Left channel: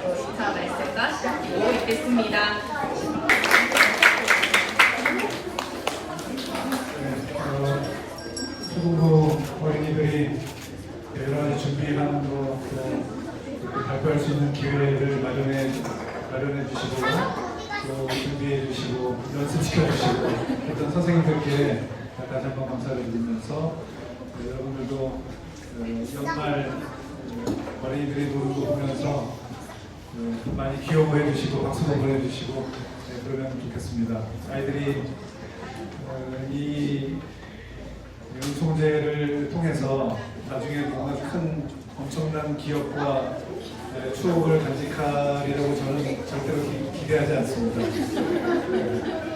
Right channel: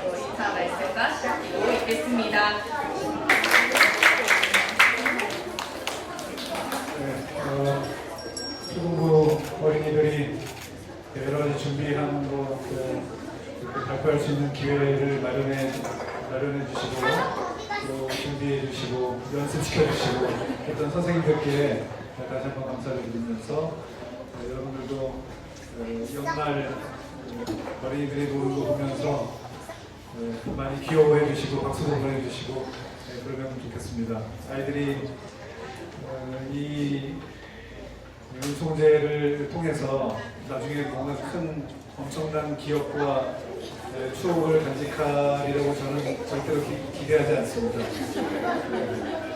인사 말씀과 시작하고 있겠습니다. 초등부 어린이들이 여러 가지 준비하는 것도 이렇게 발표할 수 있는 기회를 마련해 주시고 또 준비해 주시고 연습시켜 주시고 했던 선생님들께 다시 한번 감사를 드리면서 여러분들도 연말 어린이들이 노는 거 보면서 많이 귀여워해 주시고 박수도 보내주시고 그러면 좋겠습니다. 아이들이 이 운송제를 통해서 나중에 뭔가 큰 엄청난 기억과 추억을 간직하리라고 저는 절대로 기대하지 않습니다.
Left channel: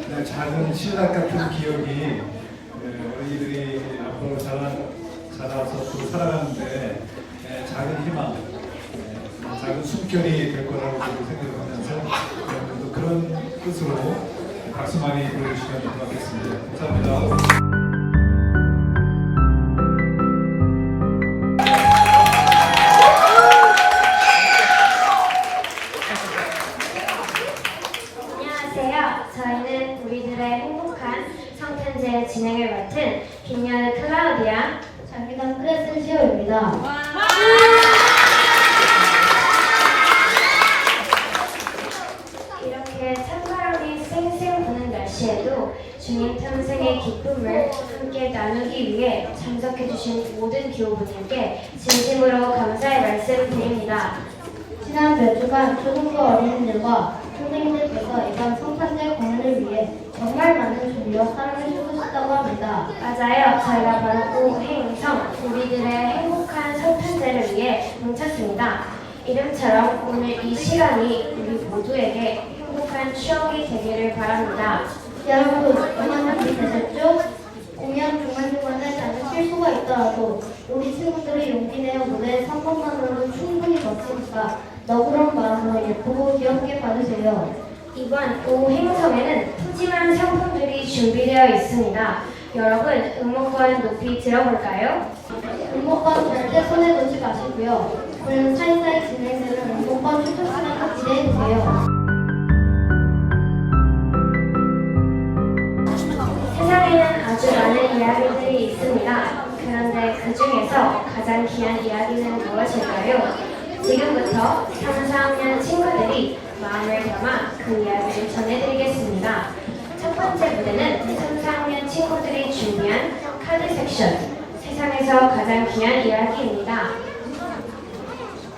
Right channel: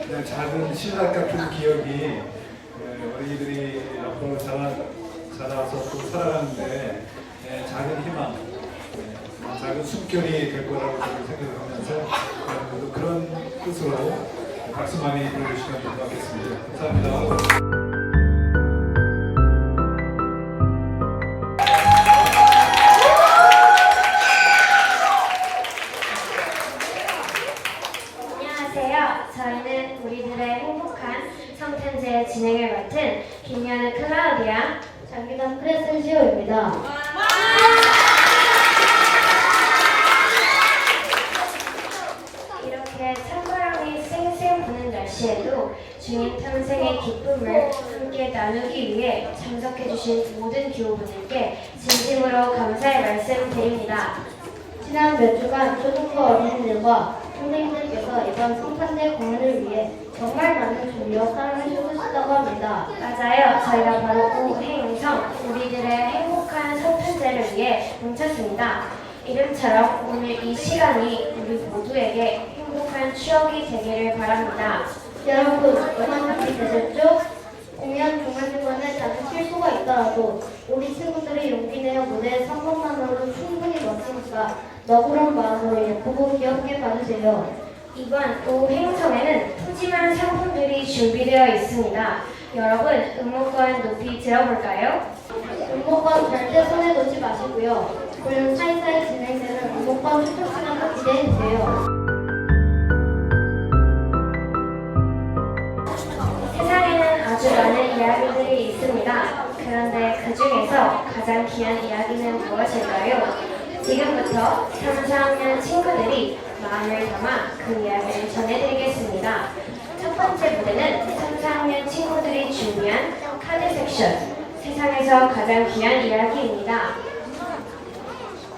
그냥 작은 신락 같은 기억이 어린이들이 앞으로 자라서 또 살아가는데 작은 희망, 작은 숨결이 될 거라고 저도 생각을 하면서 여러분들도 그런 뜻으로 박수 많이 보내주시면 될 것 같겠습니다. 감사합니다. 저희는 우리들의 행복한 성탄제 진행을 맡은 김연우 클라우디아 장미단 크레센시오입니다. 이렇게 찬바람이 쌩쌩 부는 날씨에도 주님 탄생의 기쁨을 함께 나누기 위해 참석해주신 모든 교우분들께 진심으로 감사의 말씀 드립니다. 지난 몇 주간 초등부 어린이들과 선생님들께서 이번 성탄제 공연을 위해 정말 많은 준비와 사랑을 쏟으셨다고 합니다. 맞아요. 저희가 바로 오행성 우리들의 행복한 성탄제를 위해 뭉쳤습니다. 이름처럼 오늘 이 시간이 우리 모두에게 행복한 추억이 되기를 바랍니다. 여러분, 얼마나 준비되셨죠? 공연 중간중간에 작은 실수가 있더라도 우리 친구들이 용기 내어 무대에 선 것만으로도 충분히 멋지니까 너그러운 마음으로 예쁘고 귀엽게 봐주세요. 이번 오행성에는 푸짐한 상품들이 준비되어 있습니다. 여러분, 응모권 높이 들어볼까요? 응모권 절대 손해놓지 마시고요. 오늘은 사이사이 진행되는 응모권 투표 시간을 기대해주세요. 세상에는 아주 많은 이야기들이 있습니다. 그런데 그 중에서 가장 귀한 이야기는 무엇일까요? 지금부터 3, 4학년 친구들이 마음을 담아 그 이야기를 전해드리겠습니다. 첫 번째 무대는 3, 4학년 친구들이 준비한 카드 섹션, 세상에서 가장 귀한 이야기입니다.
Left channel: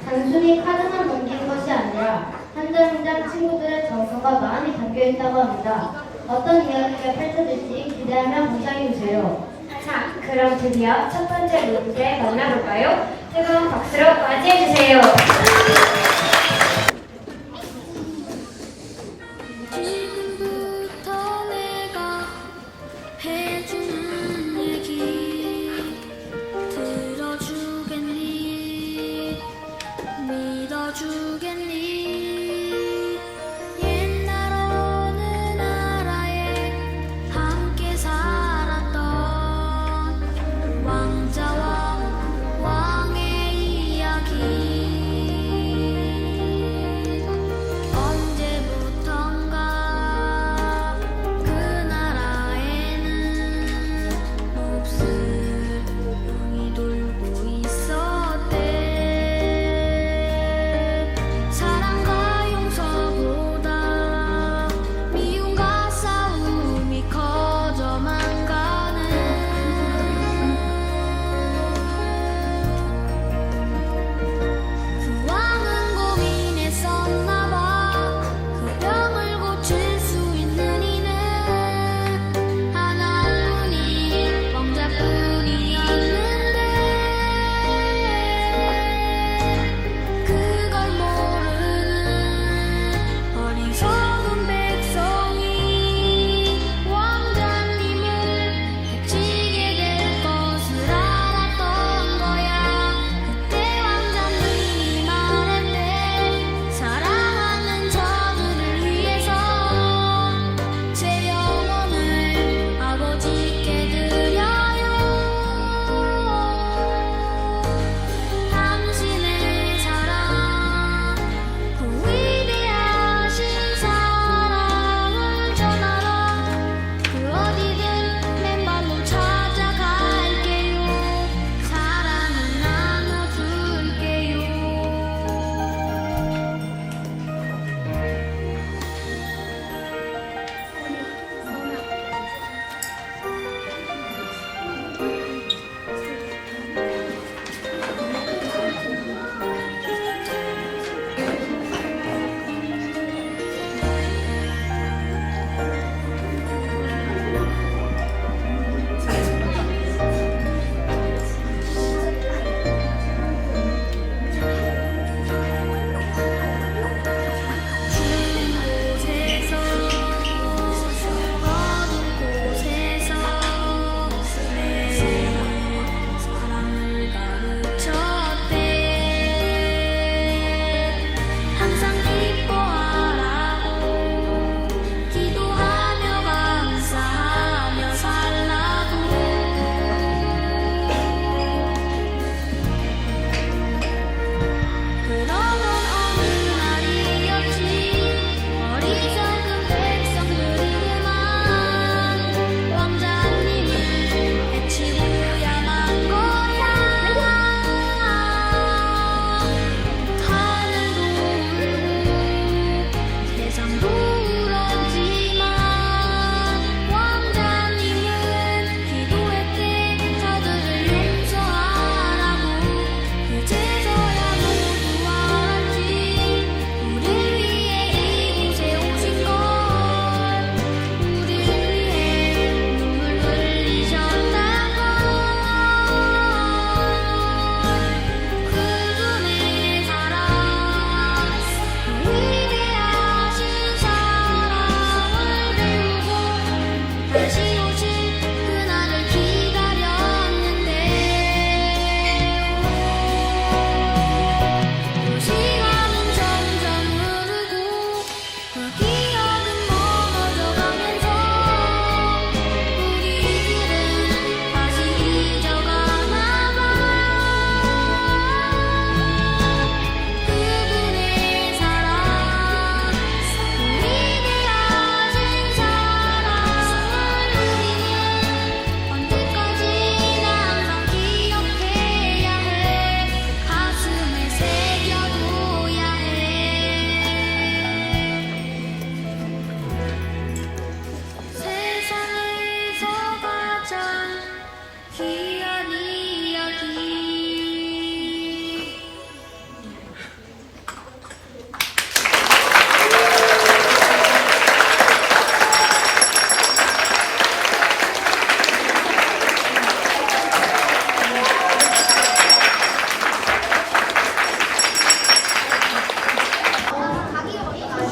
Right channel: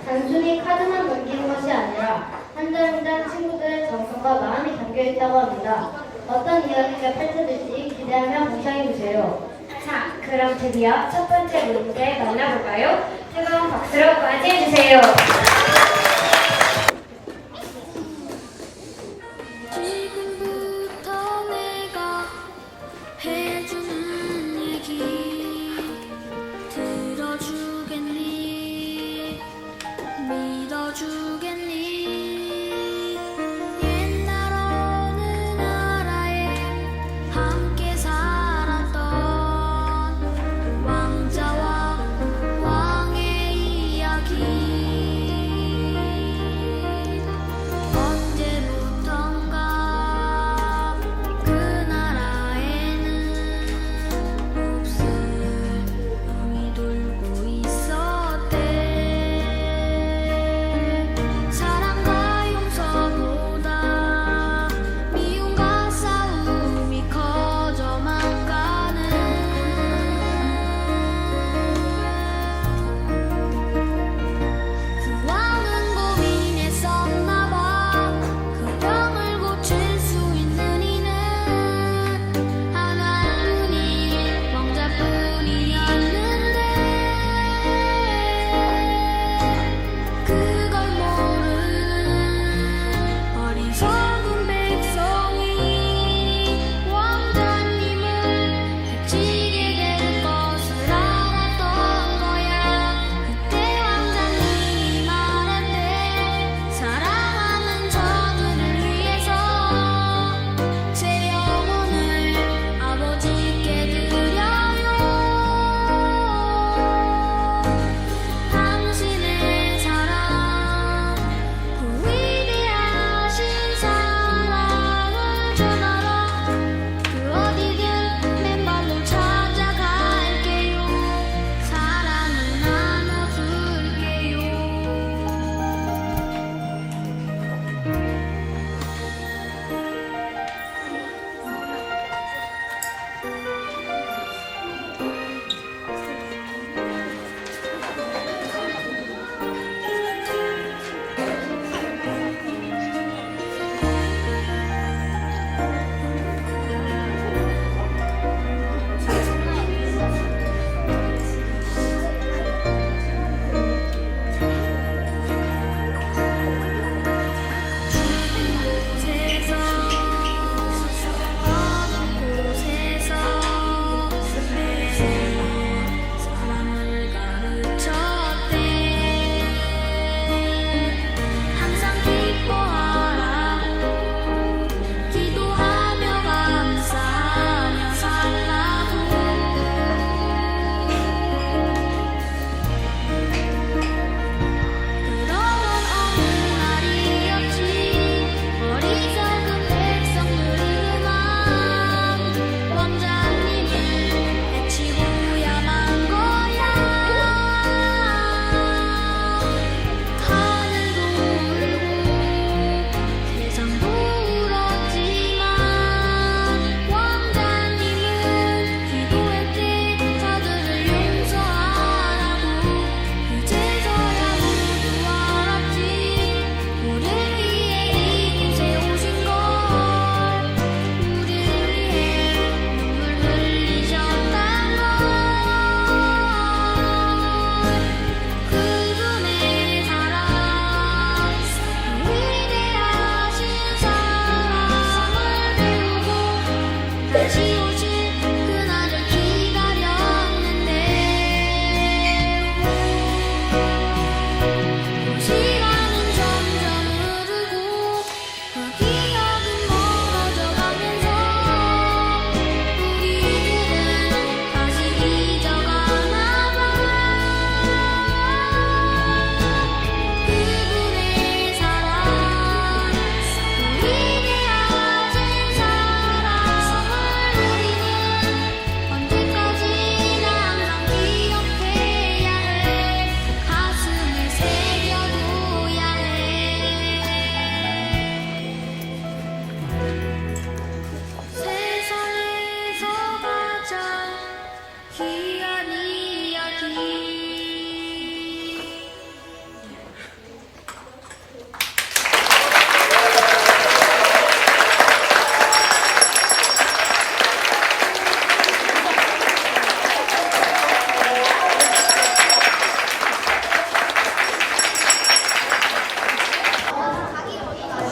단순히 카드만 넘기는 것이 아니라 한 장 한 장 친구들의 정서가 많이 담겨있다고 합니다. 어떤 이야기가 펼쳐질지 기대하며 감상해주세요. 자, 그럼 드디어 첫 번째 무대 만나볼까요? 뜨거운 박수로 맞이해주세요. 지금부터 내가 해주는 얘기 들어주겠니? 믿어주겠니? 옛날 어느 나라에 함께 살았던 왕자와 왕의 이야기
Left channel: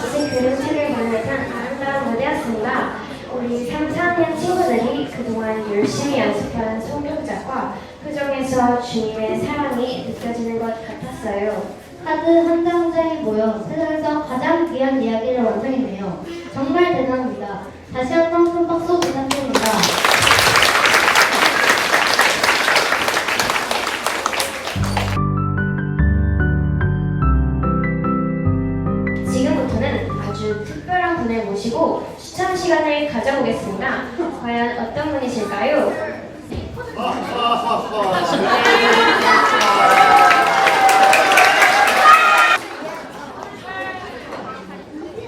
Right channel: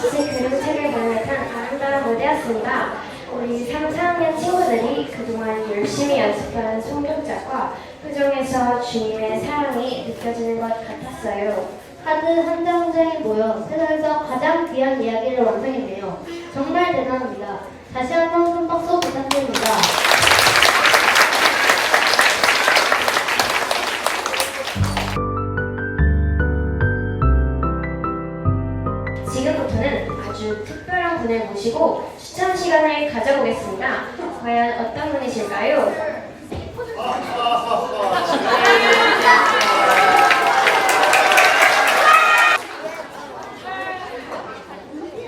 이제 그림책을 비롯한 아름다운 무대였습니다. 우리 3, 4학년 친구들이 그동안 열심히 연습한 송명작과 표정에서 주님의 사랑이 느껴지는 것 같았어요. 카드 한 장 한 장이 모여 세상에서 가장 귀한 이야기를 완성했네요. 정말 대단합니다. 다시 한번 큰 박수 부탁드립니다. 지금부터는 아주 특별한 분을 모시고 추천 시간을 가져보겠습니다. 과연 어떤 분이실까요?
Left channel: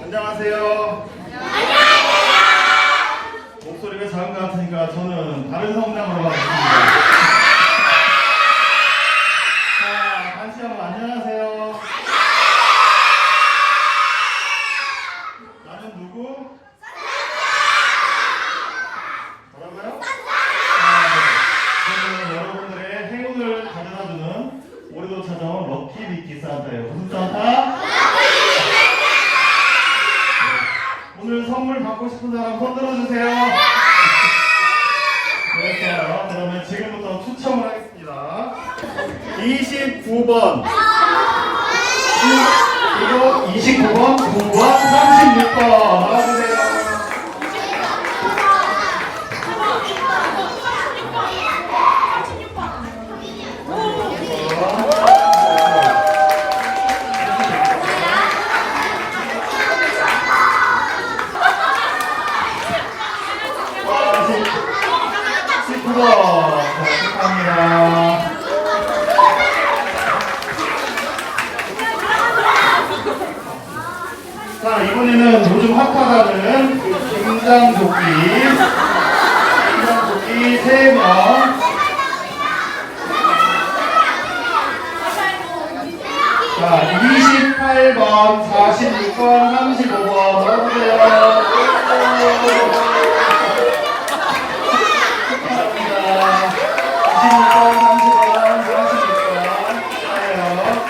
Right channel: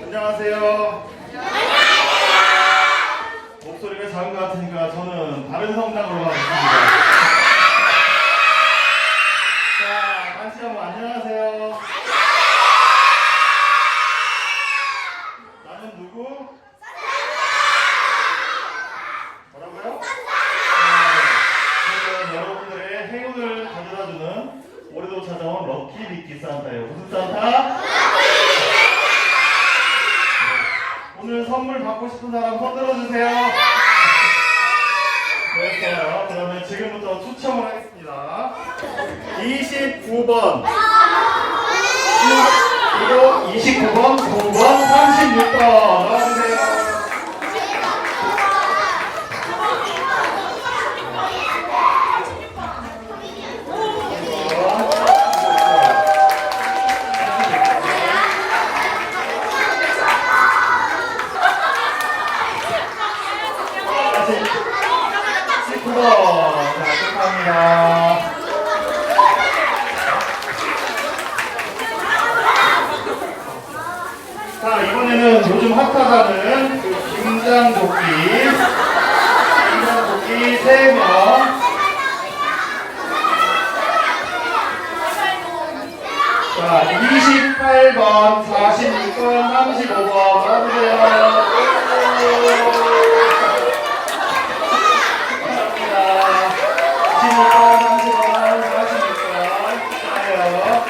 안녕하세요. 목소리가 작은 것 같으니까 저는 다른 성당으로 가겠습니다. 자, 다시 한번 안녕하세요. 나는 누구? 뭐라고요? 저는 여러분들의 행운을 가져다주는 올해도 찾아온 럭키 미키 산타예요. 무슨 산타? 오늘 선물 받고 싶은 사람 손 들어주세요. 네, 좋아요. 그러면 지금부터 추첨을 하겠습니다. 29번, 그리고 29번, 9번, 36번 나와주세요. 자, 축하합니다. 자, 이번에는 요즘 핫하다는 그 김장조끼 3명. 자, 28번, 46번, 35번 나와주세요. 축하합니다. 26번, 35번, 46번. 축하해요.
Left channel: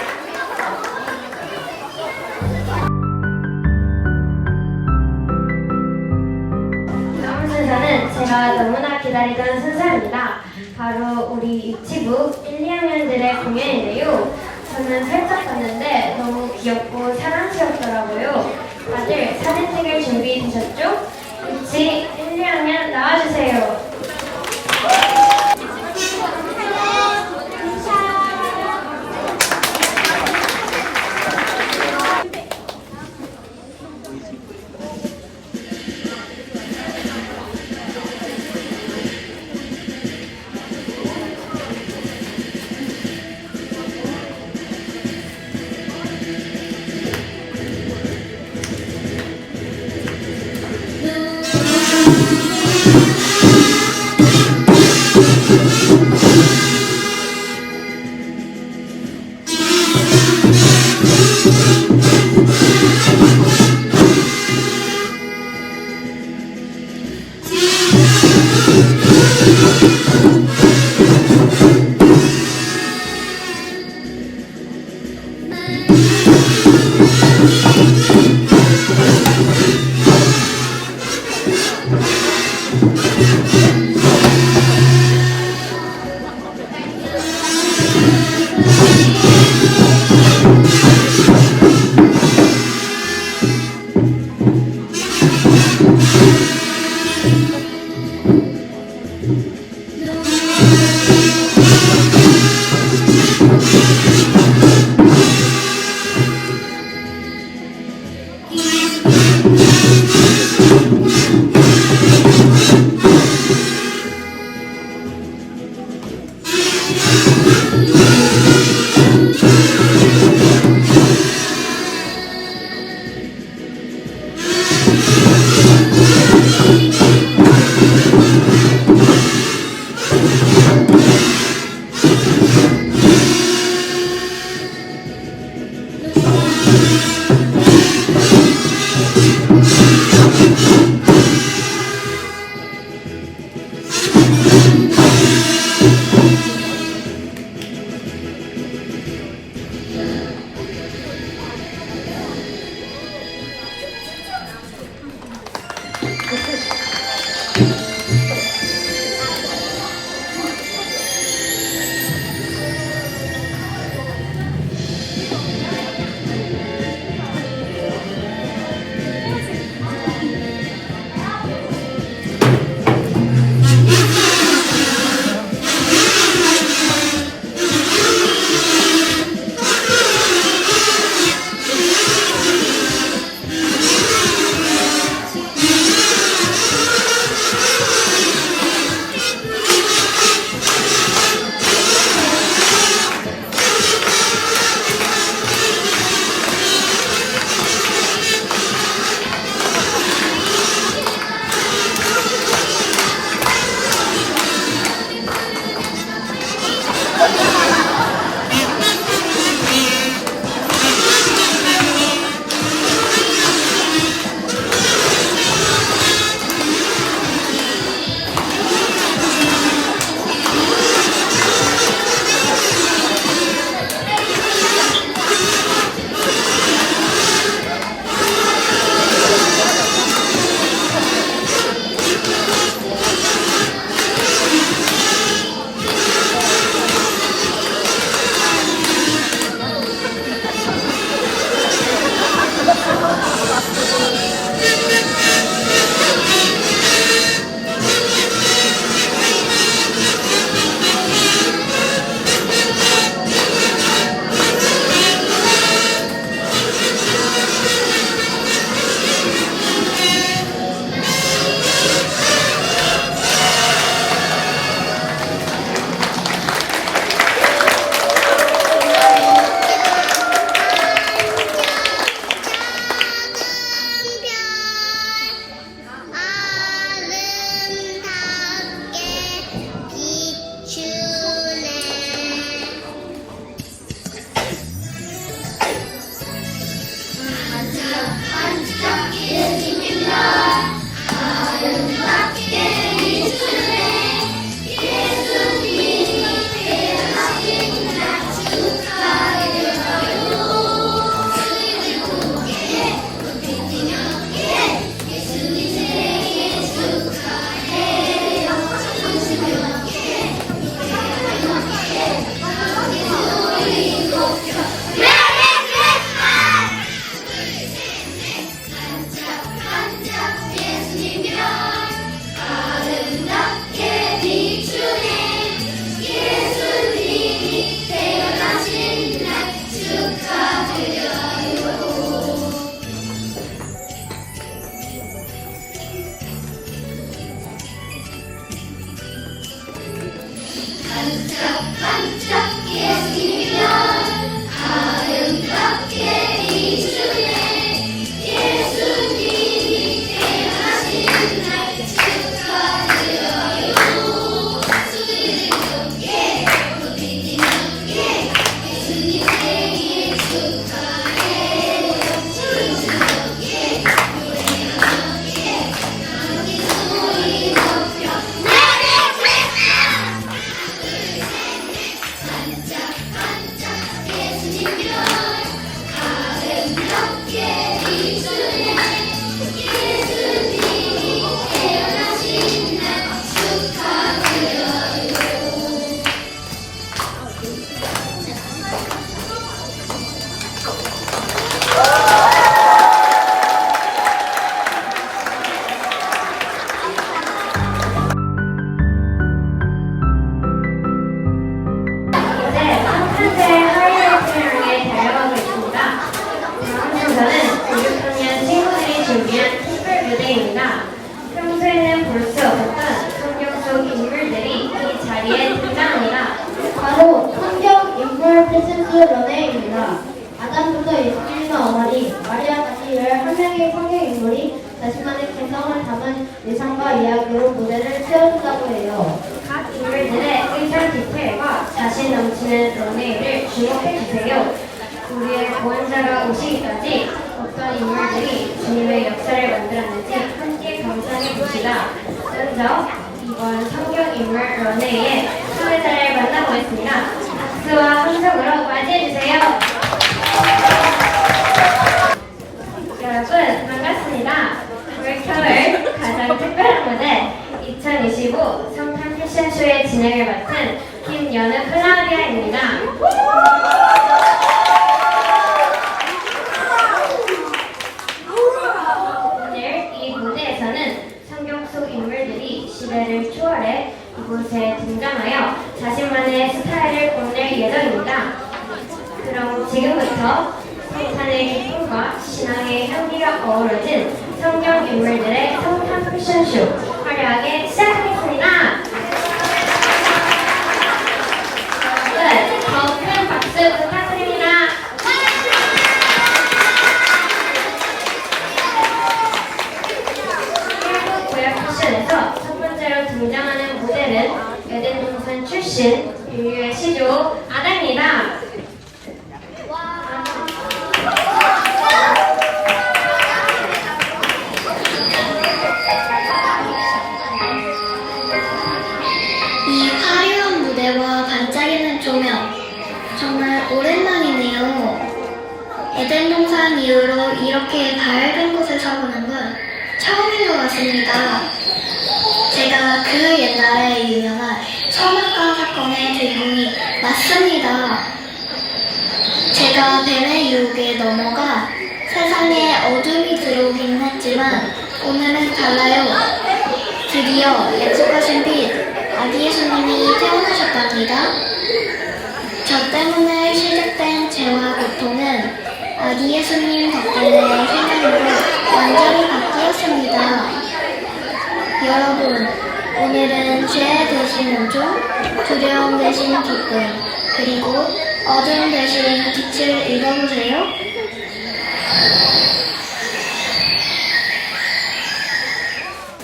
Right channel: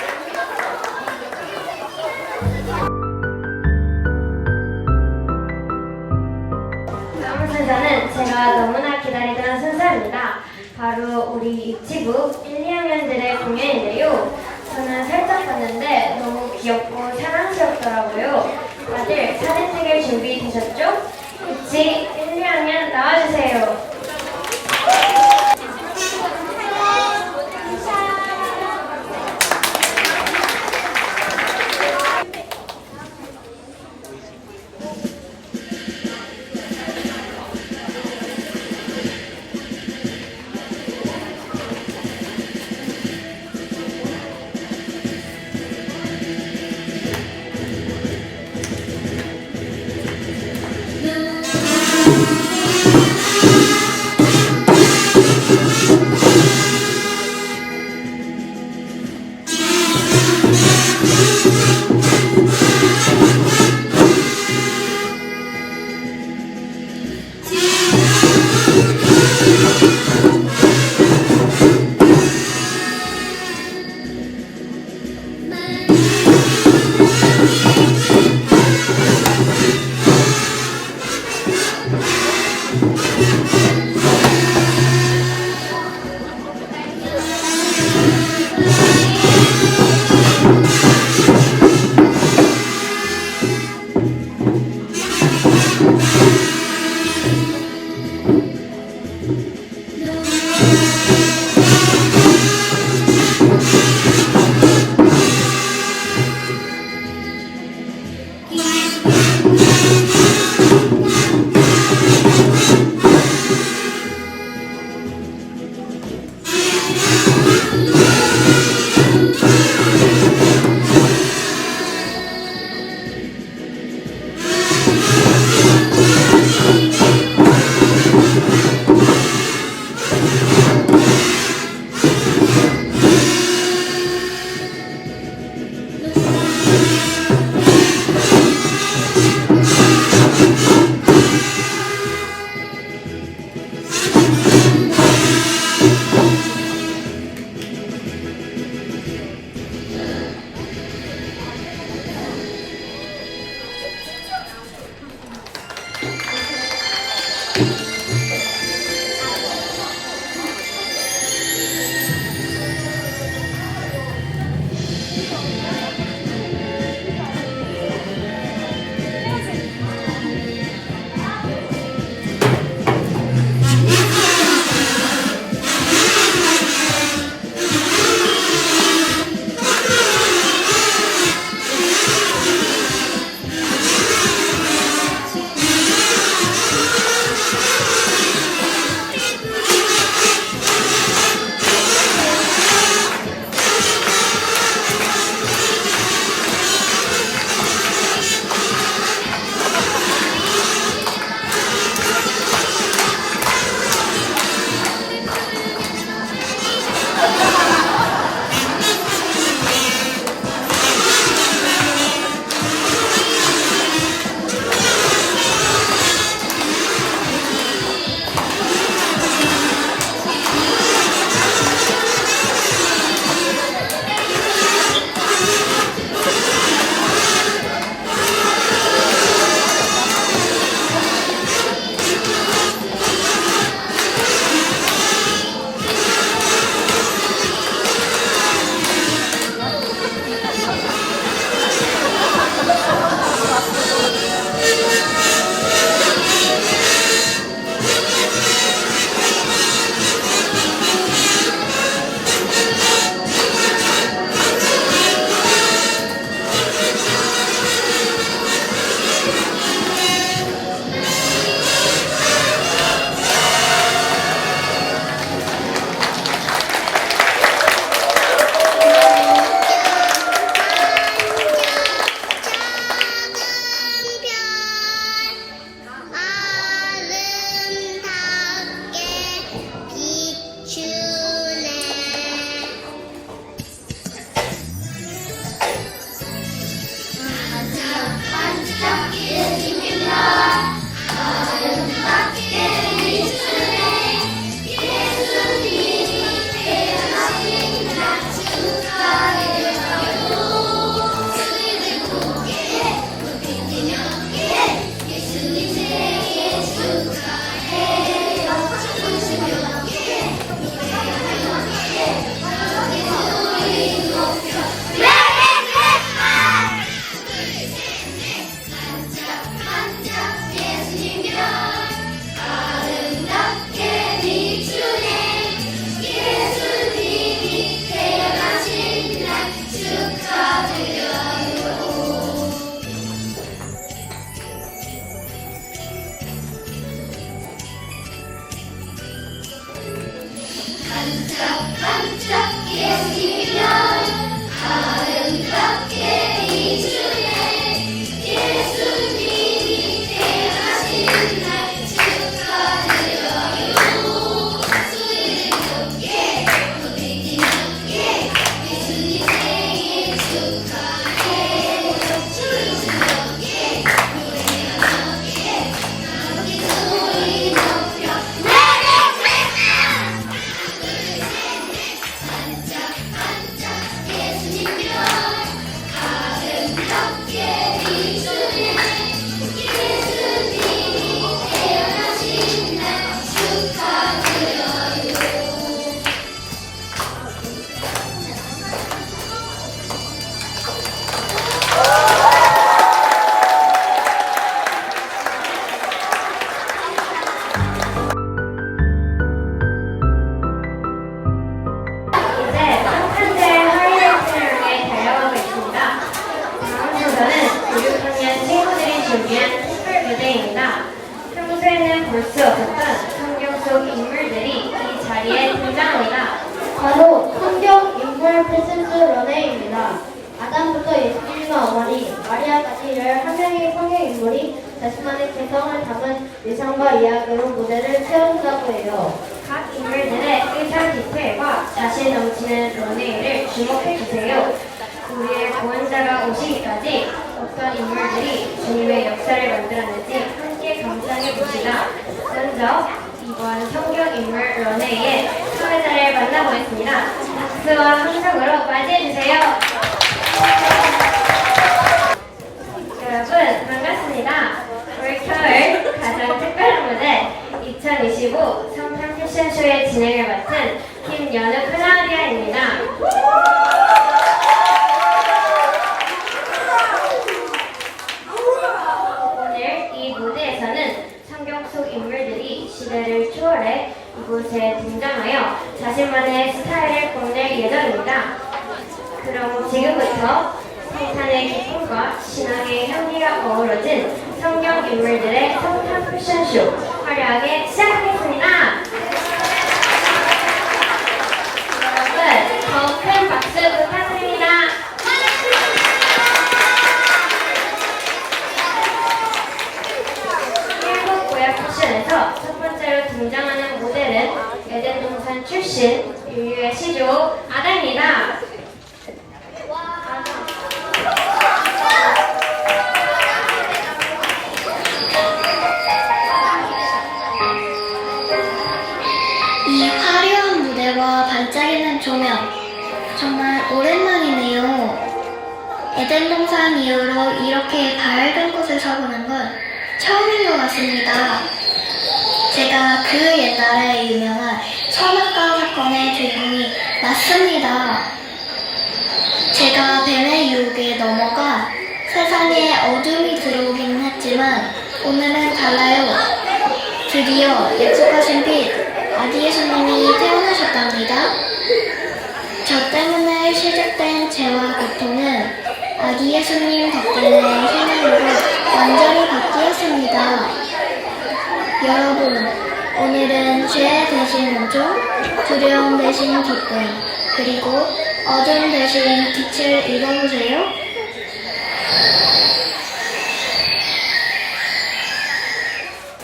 다음 순서는 제가 너무나 기다리던 순서입니다. 바로 우리 유치부 1, 2학년들의 공연인데요. 저는 살짝 봤는데 너무 귀엽고 사랑스럽더라고요. 다들 사진 찍을 준비 되셨죠? 유치 1, 2학년 나와주세요. 눈이 준비한 특별 무대입니다. 평소에는 볼 수 없었던 성경 속 인물들이 이 자리에 등장합니다. 바로 성경 인물 패션스 런웨이입니다. 아담부터 예수님과 어머니, 마리아까지 11명의 성경 인물이 자신만의 개성을 담은 의상과 이야기로 무대를 세운다고 해요. 각 인물들의 의상 디테일과 자신 넘치는 런웨이를 주목해주세요. 우리의 구원자가 오시기까지 어떤 인물들이 주님의 역사를 만들었는지 함께 감상해봅시다. 먼저 이번 성경 인물 런웨이의 참여자를 만나보겠습니다. 박수와 함성으로 맞이해주세요. 여러분 반갑습니다. 올 겨울 가장 특별한 무대 2025 성탄 패션쇼의 진행을 맡은 김연우 플라리아입니다. 오늘 이 무대에서는 성경 속 인물들이 시대를 초월해 이곳에 등장하여 자신만의 스타일을 보낼 예정입니다. 그럼 지금부터 성탄의 기쁨과 신앙의 향기가 어우러진 성경 인물들의 성탄 패션쇼 화려하게 시작하겠습니다. 여러분 더 큰 박수 부탁드립니다. 일본 구약 패션에서 첫 번째로 등장하는 모델은 에덴 동산 출신 인류의 시조 아다입니다. 이 화려한 무대와 반짝이는 조명, 정말 오랜만이네요. 에덴 동산 이후로 이렇게 밝은 곳에서 보는 건 처음인 것 같습니다. 제가 그 옛날에 유명한 선악과 사건의 주인공이 맞습니다. 제가 뱀의 유혹에 넘어가 세상에 어둠이 들어오긴 했지만 오늘은 달라요. 드디어 약속하신 빛 아기 예수님이 태어나셨답니다. 저 때문에 시작된 죄와 고통은 아기 예수님 덕분에 희망으로 완전히 바뀌었습니다. 여러분, 오늘은 죄 대신 은총, 두려움 대신 기쁨, 그리고 어둠 대신 빛을 읽어보세요.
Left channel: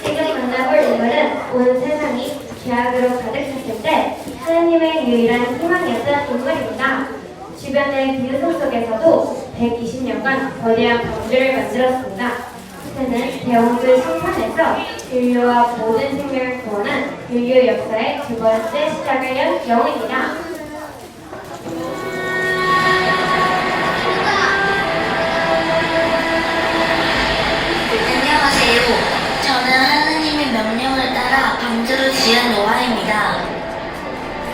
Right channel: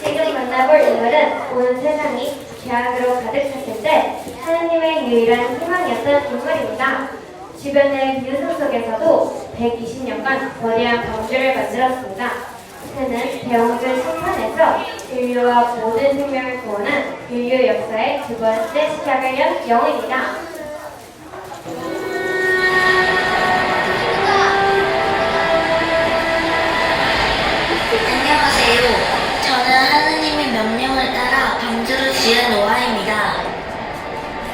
지금 만나볼 인물은 온 세상이 죄악으로 가득 찼을 때 하나님의 유일한 희망이었던 인물입니다. 주변의 비웃음 속에서도 120년간 거대한 방주를 만들었습니다. 그는 배움을 성탄에서 인류와 모든 생명을 구원한 인류 역사의 두 번째 시작을 연 영웅입니다. 안녕하세요. 저는 하나님의 명령을 따라 방주를 지은 노아입니다.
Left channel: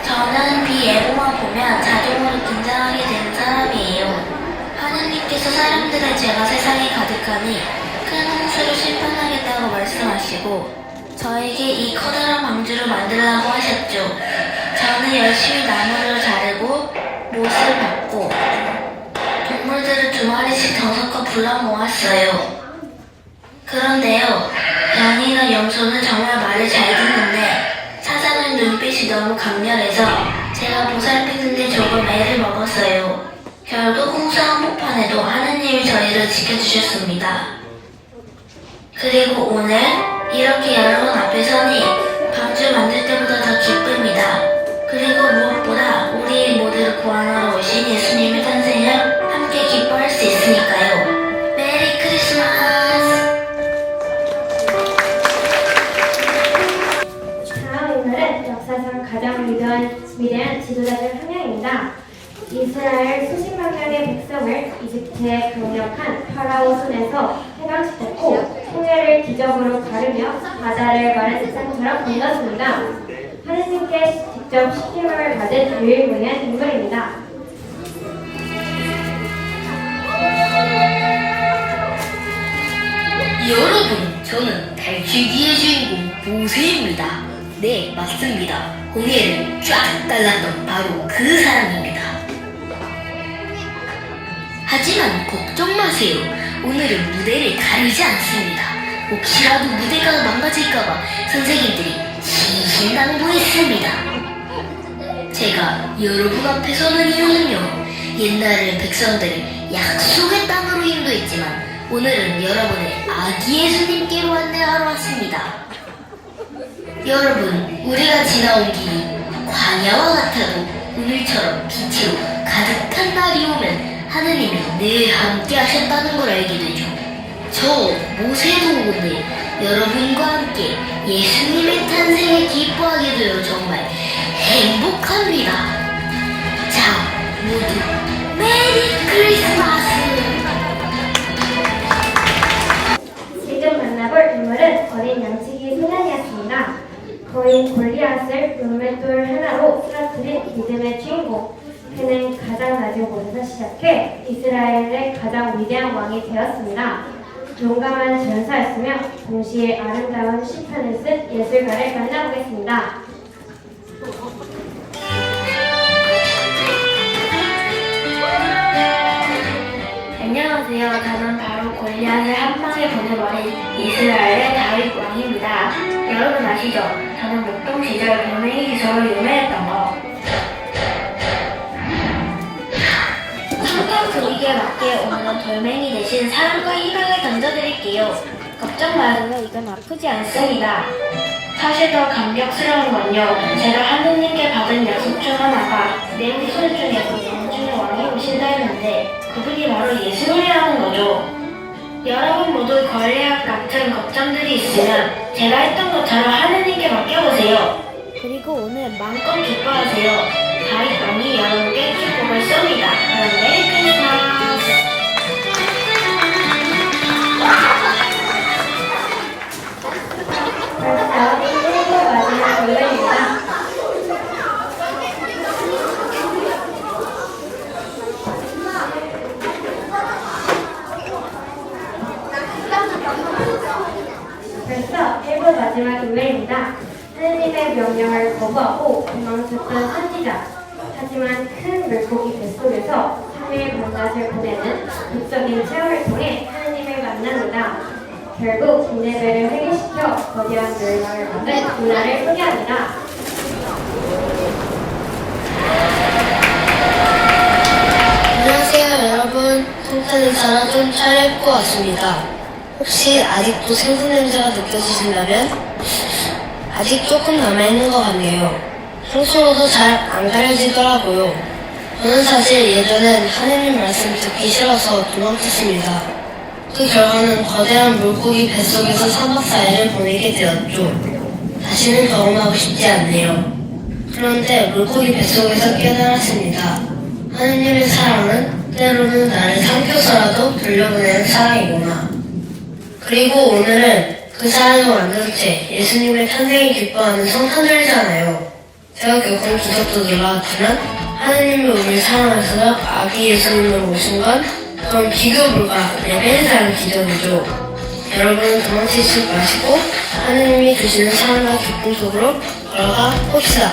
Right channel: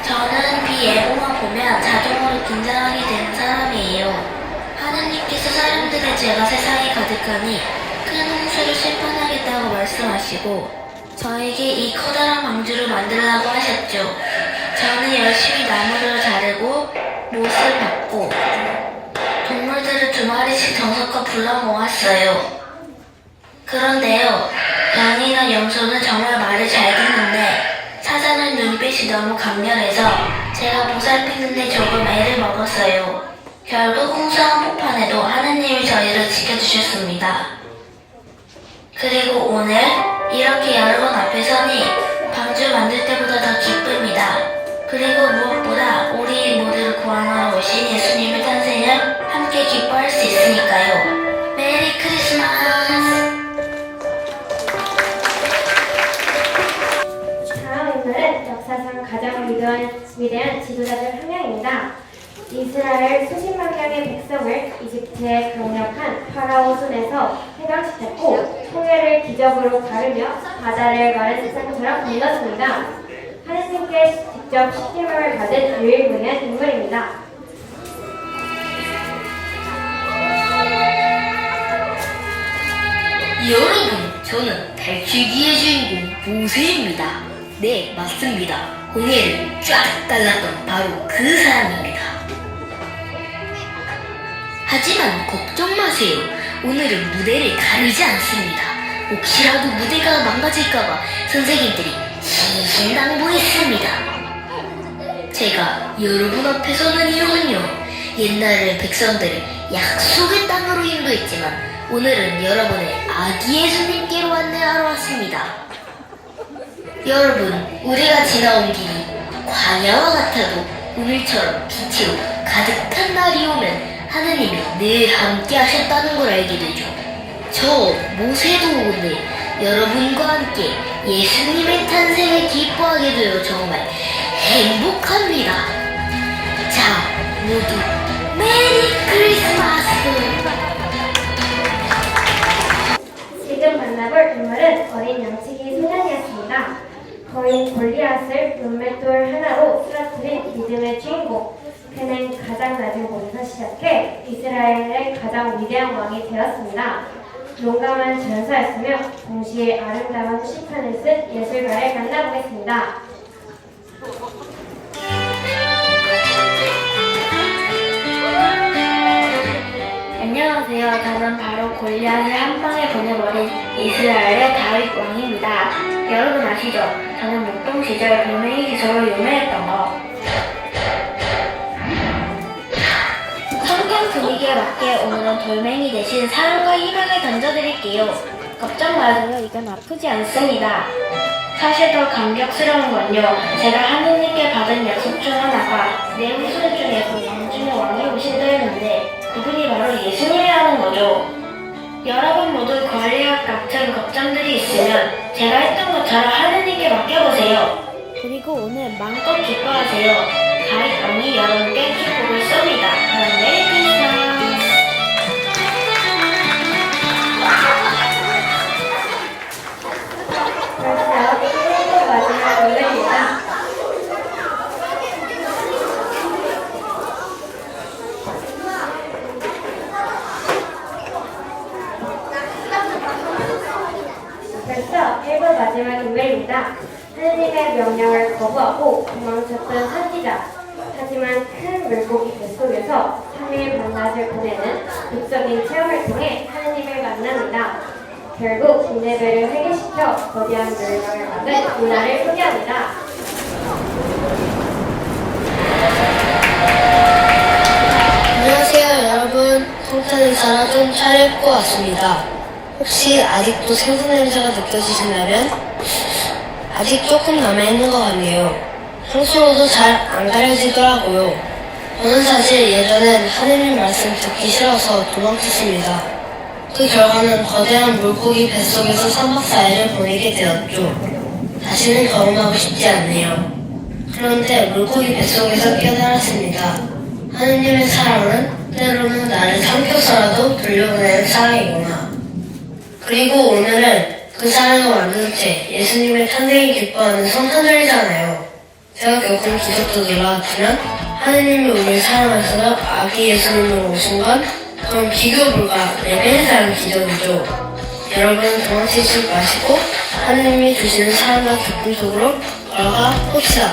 저는 비예보만 보면 자동으로 긴장하게 되는 사람이에요. 하나님께서 사람들의 죄가 세상에 가득하니 큰 홍수를 심판하겠다고 말씀하시고 저에게 이 커다란 방주를 만들라고 하셨죠. 저는 열심히 나무를 자르고 못을 밟고 동물들을 2마리씩 더 섞어 불러 모았어요. 그런데요, 양이나 염소는 정말 말을 잘 듣는데 사자는 눈빛이 너무 강렬해서 제가 보살피는데 조금 애를 먹었어요. 결국 홍수 한복판에도 하느님이 저희를 지켜주셨습니다. 그리고 오늘 이렇게 여러분 앞에 서니 방주 만들 때보다 더 기쁩니다. 그리고 무엇보다 우리 모두를 구원하러 오신 예수님의 탄생을 함께 기뻐할 수 있으니까요. 메리 크리스마스! 다음 인물은 역사상 가장 위대한 지도자들 한 명입니다. 이스라엘 수십만 명의 백성을 이집트의 강력한 파라오 손에서 해방시켰고 홍해를 기적으로 가르며 바다를 마른 세상처럼 건넜습니다. 하느님께 직접 시킴을 받은 유일무이한 인물입니다. 여러분, 저는 탈출기의 주인공 모세입니다. 네, 맞습니다. 홍해를 쫙 갈랐던 바로 그 사람입니다. 하지만 걱정 마세요. 오늘은 무대를 가리지 않습니다. 혹시라도 무대가 망가질까봐 선생님들이 신신당부했습니다. 제가 여러분 앞에 서는 이유는요, 옛날에는 백성들을 약속의 땅으로 인도했지만 오늘은 여러분을 아기 예수님께로 안내하러 왔습니다. 여러분, 우리가 지나온 길이 광야와 같아도 오늘처럼 빛으로 가득한 날이 오면 하느님이 늘 함께 하셨다는 걸 알게 되죠. 저 모세도 오늘 여러분과 함께 예수님의 탄생을 기뻐하게 되어 정말 행복합니다. 자, 모두 메리 크리스마스! 지금 만나볼 인물은 어린 양치기 소년이었습니다. 거인 골리앗을 돌맷돌 하나로 쓰러뜨린 믿음의 주인공. 그는 가장 낮은 곳에서 시작해 이스라엘의 가장 위대한 왕이 되었습니다. 용감한 전사였으며 동시에 아름다운 시편을 쓴 예술가를 만나보겠습니다. 안녕하세요. 저는 바로 골리앗을 한 방에 보내버린 이스라엘의 다윗 왕입니다. 여러분 아시죠? 저는 목동 시절 돌멩이 기술로 유명했던 거. 상탄 분위기에 맞게 오늘은 돌멩이 대신 사랑과 희망을 던져드릴게요. 걱정 마세요. 이건 아프지 않습니다. 사실 더 감격스러운 건요, 제가 하느님께 받은 약속 중 하나가 내 후손 중에서 왕중의 왕이 오신다 했는데 그분이 바로 예수님이라는 거죠. 여러분 모두 골리앗 같은 걱정들이 있으면 제가 했던 것처럼 하느님께 맡겨보세요. 그리고 오늘 마음껏 기뻐하세요. 다윗 왕이 여러분께 축복을 쏩니다. 그럼 메리 크리스마스! 벌써 1부 마지막 노래입니다. 벌써 1부 마지막 인물입니다. 하느님의 명령을 거부하고 도망쳤던 선지자. 하지만 큰 물고기 뱃속에서 3일 반낮을 보내는 극적인 체험을 통해 하느님을 만납니다. 결국 니네베를 회개시켜 거대한 멸망을 받은 문화를 소개합니다. 안녕하세요 여러분, 성탄 인사라 좀 차려입고 왔습니다. 혹시 아직도 생선 냄새가 느껴지신다면 아직 조금 남아있는 것 같네요. 평소로도 잘 안 가려지더라고요. 저는 사실 예전엔 하느님 말씀 듣기 싫어서 도망쳤습니다. 그 결과는 거대한 물고기 뱃속에서 3박 4일을 보내게 되었죠. 다시는 경험하고 싶지 않네요. 그런데 물고기 뱃속에서 깨달았습니다. 하느님의 사랑은 때로는 나를 삼켜서라도 돌려보내는 사랑이구나. 그리고 오늘은 그 사랑의 완전체 예수님의 탄생을 기뻐하는 성탄절이잖아요. 제가 겪은 기적도 놀라웠지만 하느님이 우리를 사랑하셔서 아기 예수님으로 오신 건 그럼 비교 불가 레벨이 다른 기적이죠. 여러분 도망치지 마시고 하느님이 주시는 사랑과 기쁨 속으로 걸어가 봅시다.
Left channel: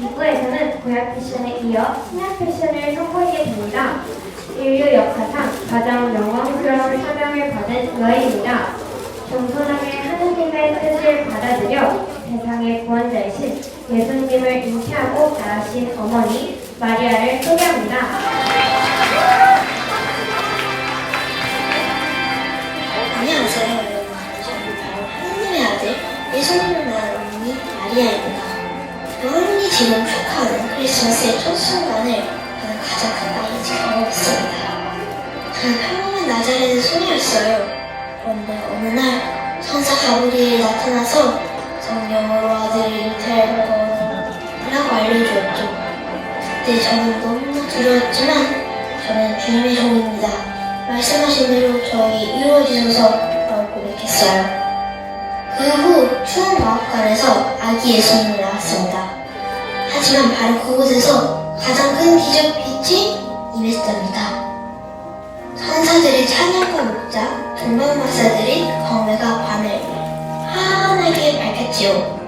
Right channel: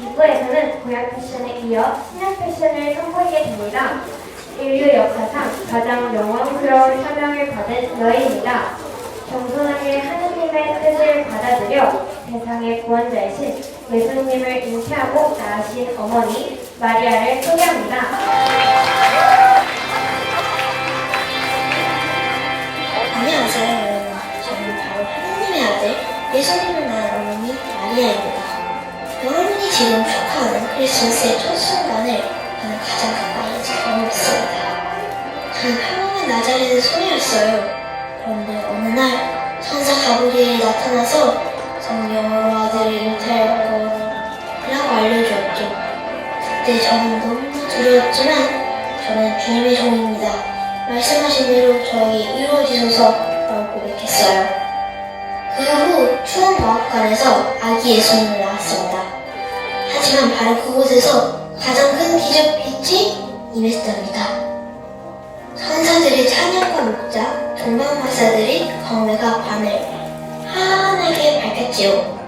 이부에서는 구약 패션에 이어 신약 패션을 선보이게 됩니다. 인류 역사상 가장 영광스러운 사명을 받은 여인입니다. 겸손하게 하느님의 뜻을 받아들여 세상의 구원자이신 예수님을 잉태하고 낳으신 어머니 마리아를 소개합니다. 안녕하세요 여러분. 저는 바로 하느님의 아들 예수님을 낳은 어머니 마리아입니다. 여러분이 지금 축하하는 크리스마스의 첫 순간을 저는 가장 가까이 지켜보겠습니다. 저는 평범한 나자렛의 소녀였어요. 그런데 어느 날 천사 가브리엘이 나타나서 성령으로 아들을 잉태할 거라고 알려주었죠. 그때 저는 너무나 두려웠지만 저는 주님의 종입니다. 말씀하신 대로 저에게 이루어지소서라고 고백했어요. 그 후 추운 마법관에서 아기 예수님을 낳았습니다. 하지만 바로 그곳에서 가장 큰 기적 빛이 임했답니다. 천사들이 찬양과 목자, 종방마사들이 경외가 밤을 하셨지요.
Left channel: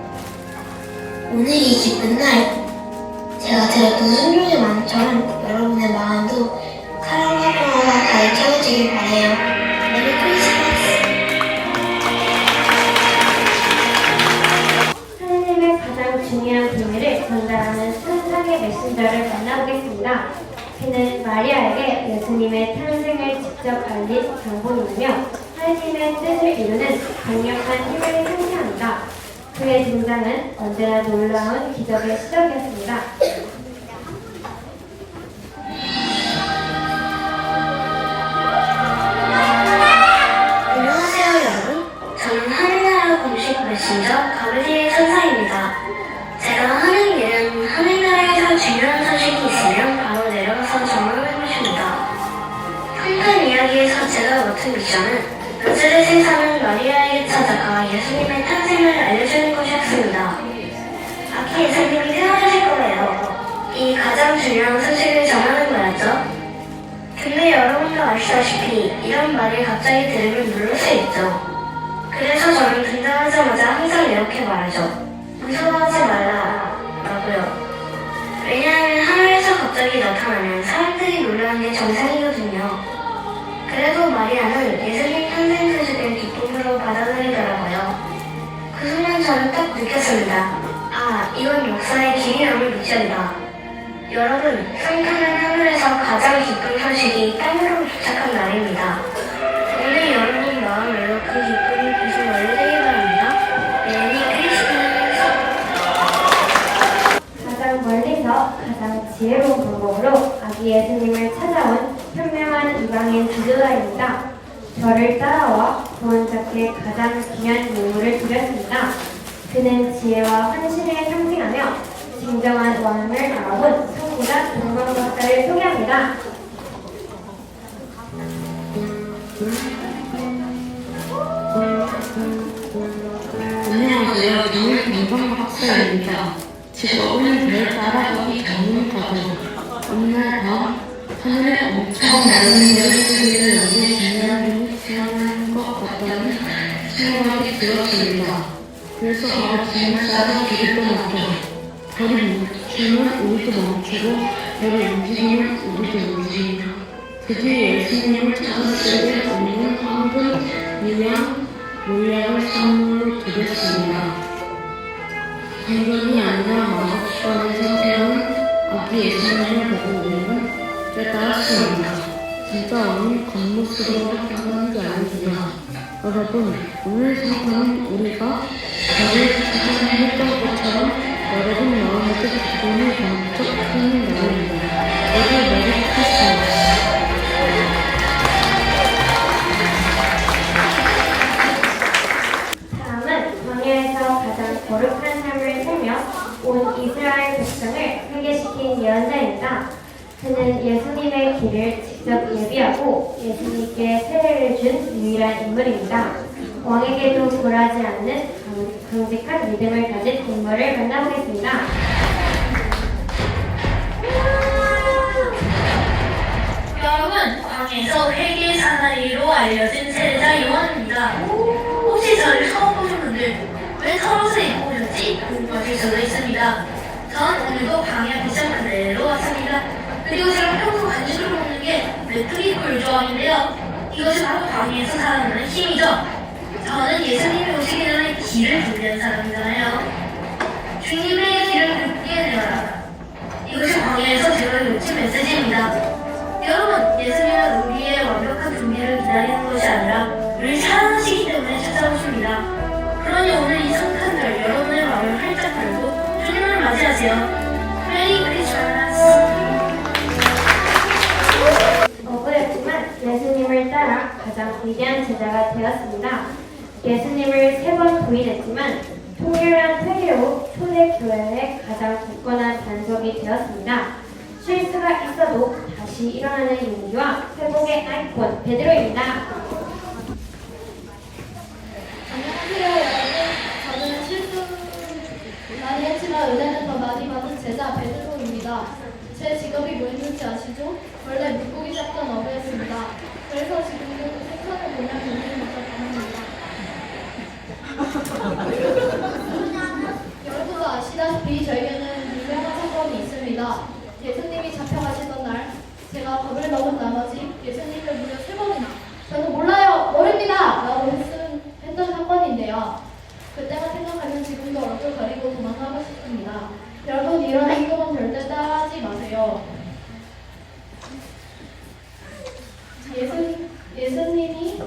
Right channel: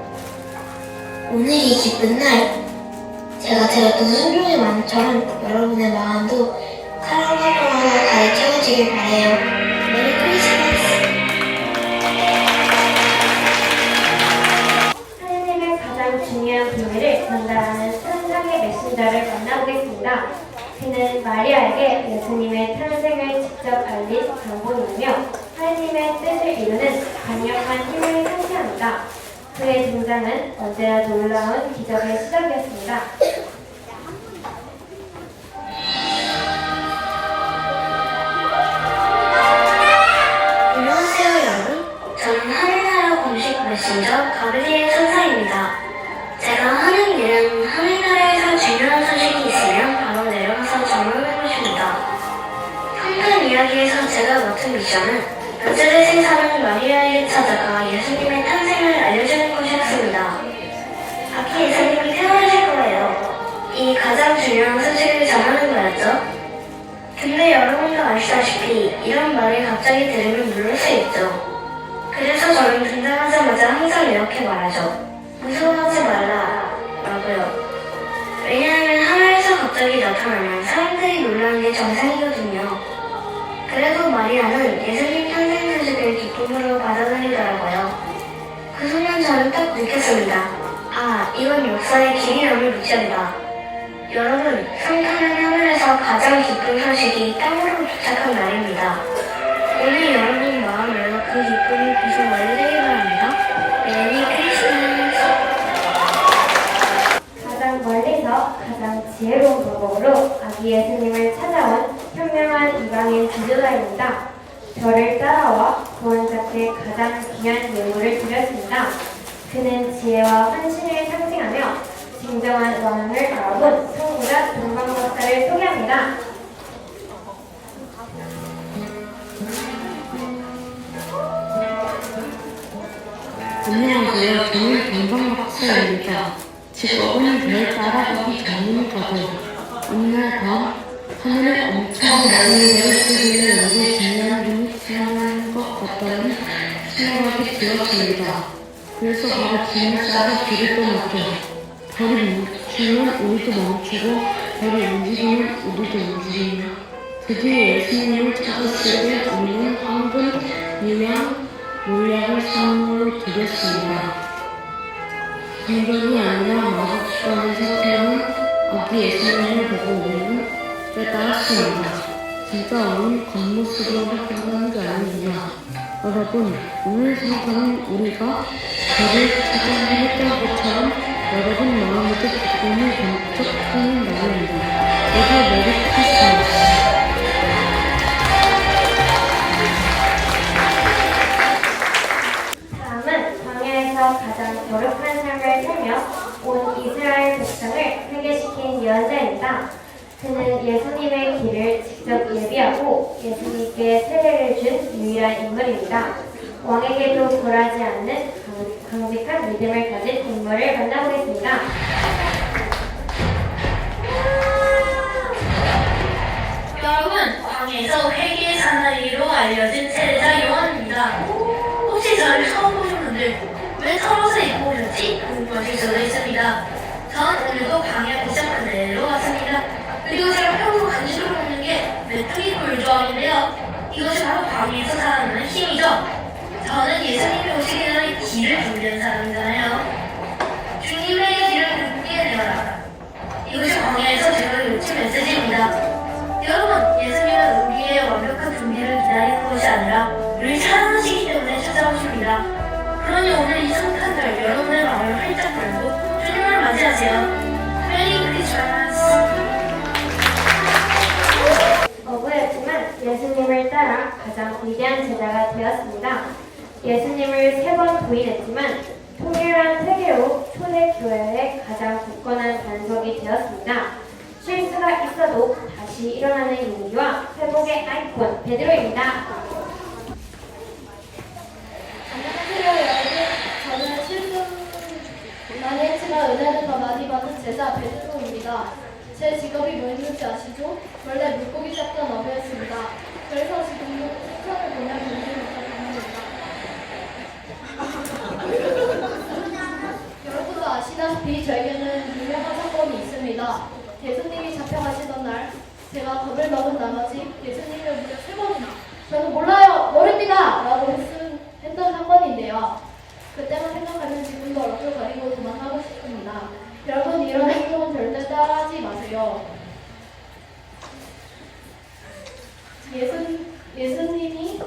오늘이 기쁜 날, 제가 드렸던 순종의 마음처럼 여러분의 마음도 사랑과 하나가 가득 채워지길 바래요. 메리 크리스마스. 하느님의 가장 중요한 비밀을 전달하는 천상의 메신저를 만나보겠습니다. 그는 마리아에게 예수님의 탄생을 직접 알린 장본이며 하느님의 뜻을 이루는 강력한 힘을 상징합니다. 그의 등장은 언제나 놀라운 기적의 시작이었습니다. 안녕하세요 여러분. 저는 하늘나라 공식 메신저 가브리엘 천사입니다. 제가 하는 일은 하늘나라에서 중요한 소식이 있으면 바로 내려가서 전하는 것입니다. 한편 이야기에서 제가 맡은 미션은 나사렛에 사는 마리아에게 찾아가 예수님의 탄생을 알려주는 것이었습니다. 앞으로 예수님이 태어나실 거예요. 이 가장 중요한 소식을 전하는 거였죠. 근데 여러분도 아시다시피 이런 말을 갑자기 들으면 놀랄 수 있죠. 그래서 저는 등장하자마자 항상 이렇게 말하죠. 무서워하지 말라 라고요. 왜냐하면 하늘에서 갑자기 나타나면 사람들이 놀라는 게 정상이거든요. 그래서 마리아는 예수님 탄생 소식을 기쁨으로 받아들이더라고요. 그 순간 저는 딱 느꼈습니다. 아, 이건 역사의 길이 남을 미션이다. 여러분, 성탄은 하늘에서 가장 기쁜 소식이 땅으로 도착한 날입니다. 오늘 여러분 마음에서 그 기쁨이 계속 완료되길 바랍니다. 메리 크리스마스. 가장 멀리서 가장 지혜로운 방법으로 아기 예수님을 찾아온 현명한 이방인 지도자입니다. 저를 따라와 구원자께 가장 귀한 예물을 드렸습니다. 그는 지혜와 헌신을 상징하며 진정한 왕을 알아본 성부자 동방 박사를 소개합니다. 안녕하세요. 저는 동방박사입니다. 직업은 별 따라가기 전문가들. 어느 날 밤, 하늘에 엄청난 별이 내리쬐길래 여기 중요한 분이 태어날 것 같다는 생각이 들었습니다. 그래서 바로 짐을 싸서 길을 떠났죠. 별이 멈추면 우리도 멈추고, 별이 움직이면 우리도 움직이며, 드디어 예수님을 찾았을 때 우리는 황금, 유양, 몰약을 선물로 드렸습니다. 공격이 아니라 마법관에서 세운 아기 예수님을 보고 우리는 깨달았습니다. 진짜 왕은 겉모습으로 끝나는 게 아니구나. 여러분, 오늘 성탄은 우리가 별을 찾아했던 것처럼 여러분 마음에도 기쁨이 번쩍 트는 날입니다. 모두 메리 크리스마스. 다음은 광야에서 가장 거룩한 삶을 살며 온 이스라엘 백성을 회개시킨 예언자입니다. 그는 예수님의 길을 직접 예비하고 예수님께 세례를 준 유일한 인물입니다. 왕에게도 굴하지 않는 강직한 믿음을 가진 인물을 만나보겠습니다. 여러분, 광야에서 회개의 사나이로 알려진 세례자 요한입니다. 혹시 저를 처음 보신 분들 왜 털옷을 입고 오셨지? 궁금하실 수도 있습니다. 전 오늘도 광야 빛을 그대로 왔습니다. 그리고 제가 평소 간식으로 먹는 게 메뚜기 꿀을 좋아하는데요. 이것이 바로 광야에서 살아나는 힘이죠. 저는 예수님이 오시기 전에 길을 준비한 사람이잖아요. 주님의 길을 굽게 되어라. 이것이 광야에서 제가 요친 메시지입니다. 여러분, 예수님은 우리의 완벽한 준비를 기다리는 것이 아니라 우리를 사랑하시기 때문에 찾아오십니다. 그러니 오늘 이 성탄절 여러분의 마음을 활짝 열고 주님을 맞이하세요. 메리 크리스마스. 어부였지만 예수님을 따라 가장 위대한 제자가 되었습니다. 예수님을 3번 부인했지만 통일한 세계로 초대교회의 가장 굳건한 반석이 되었습니다. 실수가 있어도 다시 일어나는 용기와 회복의 아이콘 베드로입니다. 안녕하세요 여러분. 저는 실수 많이 했지만 은혜를 더 많이 받은 제자 베드로입니다. 제 직업이 뭐였는지 아시죠? 원래 물고기 잡던 어부였습니다. 그래서 지금도 생선을 보면 견디는 것을 당합니다. 예수님이 잡혀가시던 날 제가 겁을 먹은 나머지 예수님을 무려 3번이나 저는 몰라요 모릅니다 라고 했던 사건인데요. 그때만 생각하면 지금도 얼떨거리고 도망가고 싶습니다. 여러분 이런 행동은 절대 따라하지 마세요. 예수님이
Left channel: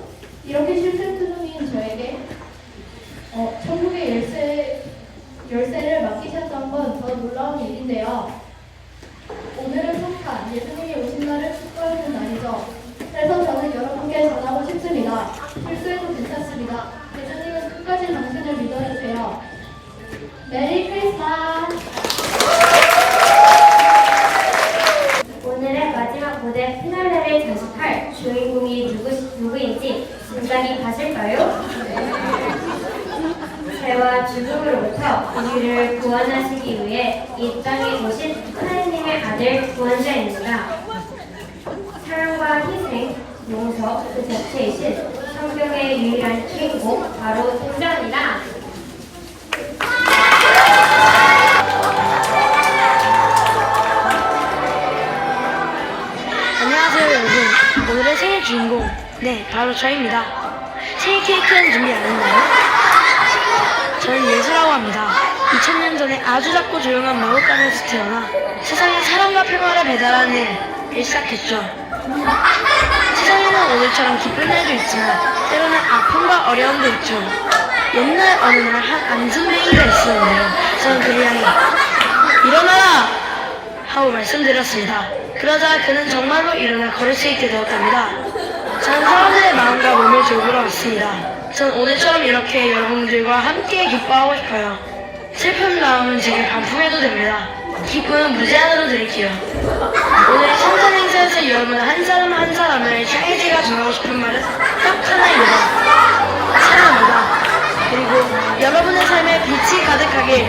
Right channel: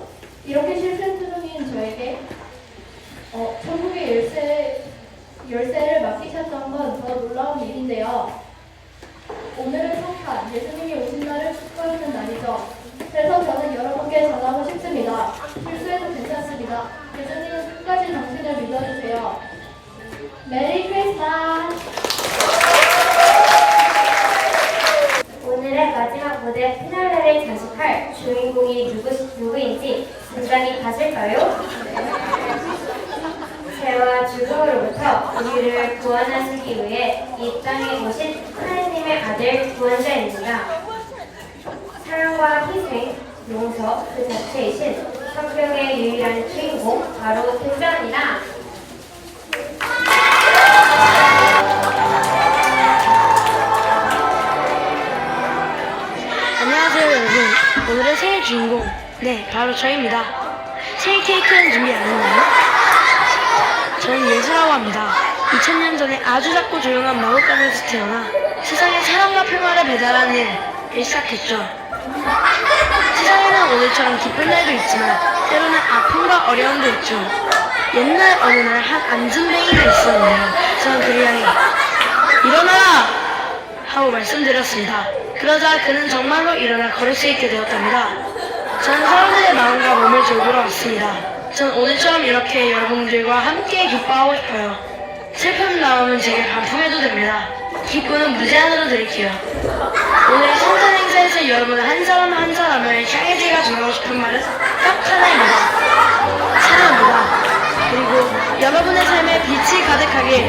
이렇게 실패투성인 저에게 천국의 열쇠를 맡기셨던 건 더 놀라운 일인데요. 오늘은 성탄, 예수님이 오신 날을 축하하는 날이죠. 그래서 저는 여러분께 전하고 싶습니다. 실수해도 괜찮습니다. 예수님은 끝까지 당신을 믿어주세요. 메리 크리스마스! 오늘의 마지막 무대 피날레를 장식할 주인공이 누구인지 짐작이 가실까요? 죄와 죽음으로부터 우리를 구원하시기 위해 이 땅에 오신 하나님의 아들 구원자입니다. 사랑과 희생, 용서 그 자체이신 성경의 유일한 주인공 바로 등장합니다. 안녕하세요 여러분. 오늘의 생일 주인공 네 바로 저입니다. 생일 케이크는 준비 안 했나요? 저는 예수라고 합니다. 2000년 전에 아주 작고 조용한 마구간에서 태어나 세상에 사랑과 평화를 배달하는 일을 시작했죠. 세상에는 오늘처럼 기쁜 날도 있지만 때로는 아픔과 어려움도 있죠. 옛날 어느 날 한 안전뱅이가 있었는데요. 저는 그를 향해 일어나라! 하고 말씀드렸습니다. 그러자 그는 정말로 일어나 걸을 수 있게 되었답니다. 저는 사람들의 마음과 몸을 돌보러 왔습니다. 전 오늘처럼 이렇게 여러분들과 함께 기뻐하고 싶어요. 슬픔 나오면 제게 반품해도 됩니다. 기쁨은 무제한으로 드릴게요. 오늘의 성탄 행사에서 여러분 한 사람 한 사람을 향해 제가 전하고 싶은 말은 딱 하나입니다. 사랑합니다. 그리고 여러분의 삶에 빛이 가득하길.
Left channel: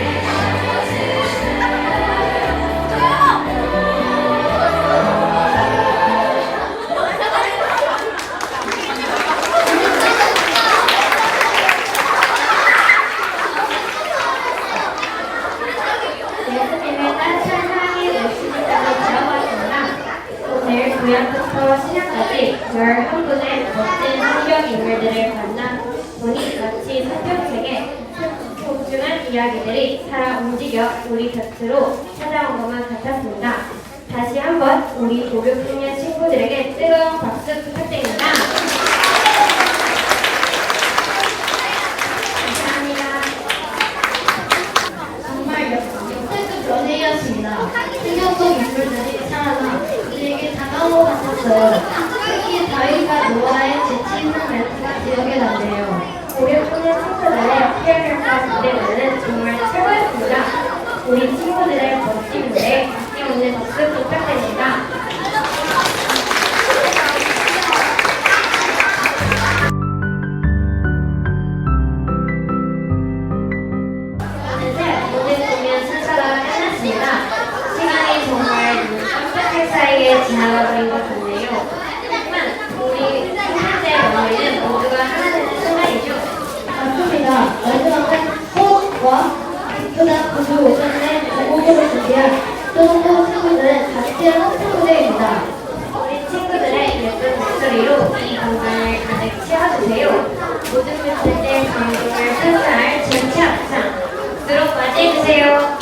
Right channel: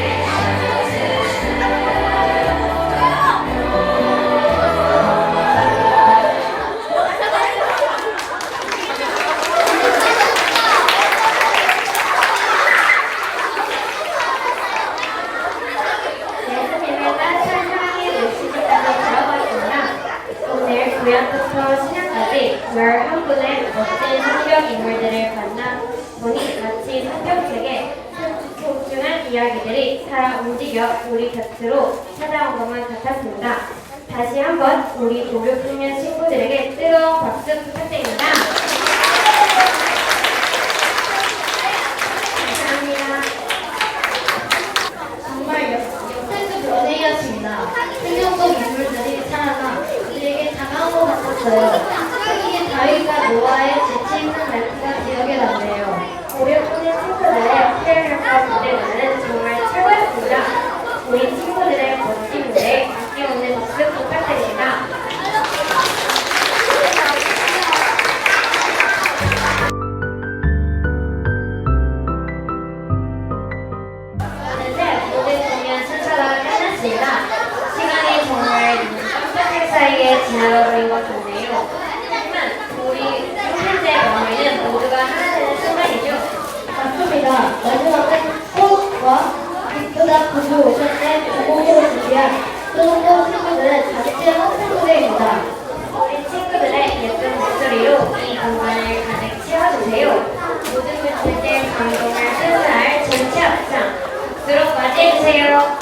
예수님의 따뜻한 사랑의 메시지까지 들어봤습니다. 오늘 구약부터 신약까지 11분의 멋진 성경 인물들을 만나보니 마치 성경책의 소중한 이야기들이 살아 움직여 우리 곁으로 찾아온 것만 같았습니다. 다시 한번 우리 5, 6학년 친구들에게 뜨거운 박수 부탁드립니다. 감사합니다. 정말 역대급 연예인이었습니다. 뜨거운 인물들이 살아나 우리에게 다가온 것 같았어요. 특히 다윗과 노아의 재치있는 말투가 기억에 남네요. 우리 학년 친구들의 표현과 무대는 정말 최고였습니다. 우리 친구들의 멋진 무대에 아낌없는 박수 부탁드립니다. 어느새 모든 공연 순서가 끝났습니다. 시간이 정말 눈 깜짝할 사이에 지나가 버린 것 같네요. 하지만 우리 콘텐츠에 머무는 모두가 하나되는 순간이죠. 맞습니다. 마지막은 호흡과 기쁘다 부부 오션의 주곡으로 준비한 소중한 친구들의 같이 함께 무대입니다. 우리 친구들의 예쁜 목소리로 이 공간을 가득 채워주세요. 모든 분들의 감동을 표현할 전체 합창 박수로 맞이해주세요.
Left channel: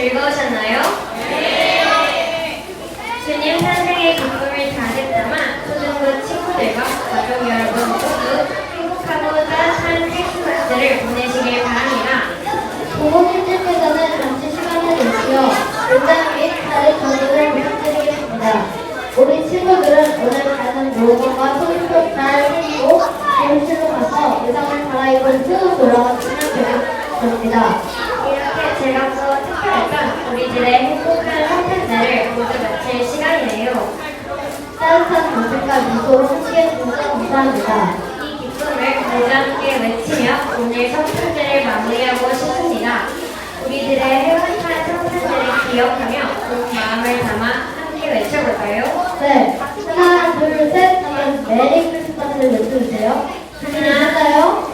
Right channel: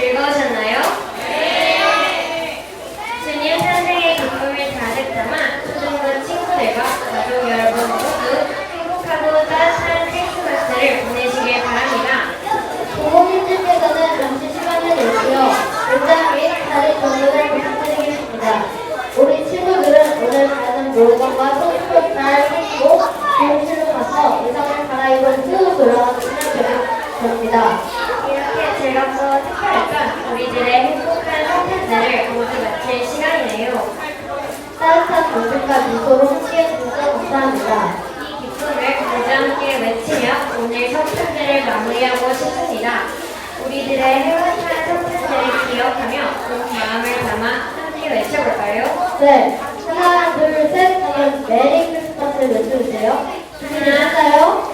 즐거우셨나요? 네! 주님 탄생의 기쁨을 가득 담아 초등부 친구들과 가족 여러분 모두 행복하고 따뜻한 크리스마스를 보내시길 바랍니다. 부모님들께서는 잠시 시간을 내시어 문장 및 다른 정보를 부탁드리겠습니다. 우리 친구들은 오늘 가는 물건과 손톱 잘 챙기고 교실로 가서 의상을 갈아입고 후 돌아가시면 됩니다. 이렇게 즐겁고 특별했던 우리들의 행복한 성탄절을 모두 마칠 시간이에요. 따뜻한 웃음과 미소로 함께 해주셔서 감사합니다. 이 기쁨을 모두 함께 외치며 오늘 성탄절을 마무리하고 싶습니다. 우리들의 행복한 성탄절을 기억하며 온 마음을 담아 함께 외쳐볼까요? 네, 하나, 둘, 셋 하면 메리 크리스마스를 외쳐주세요. 준비되셨어요?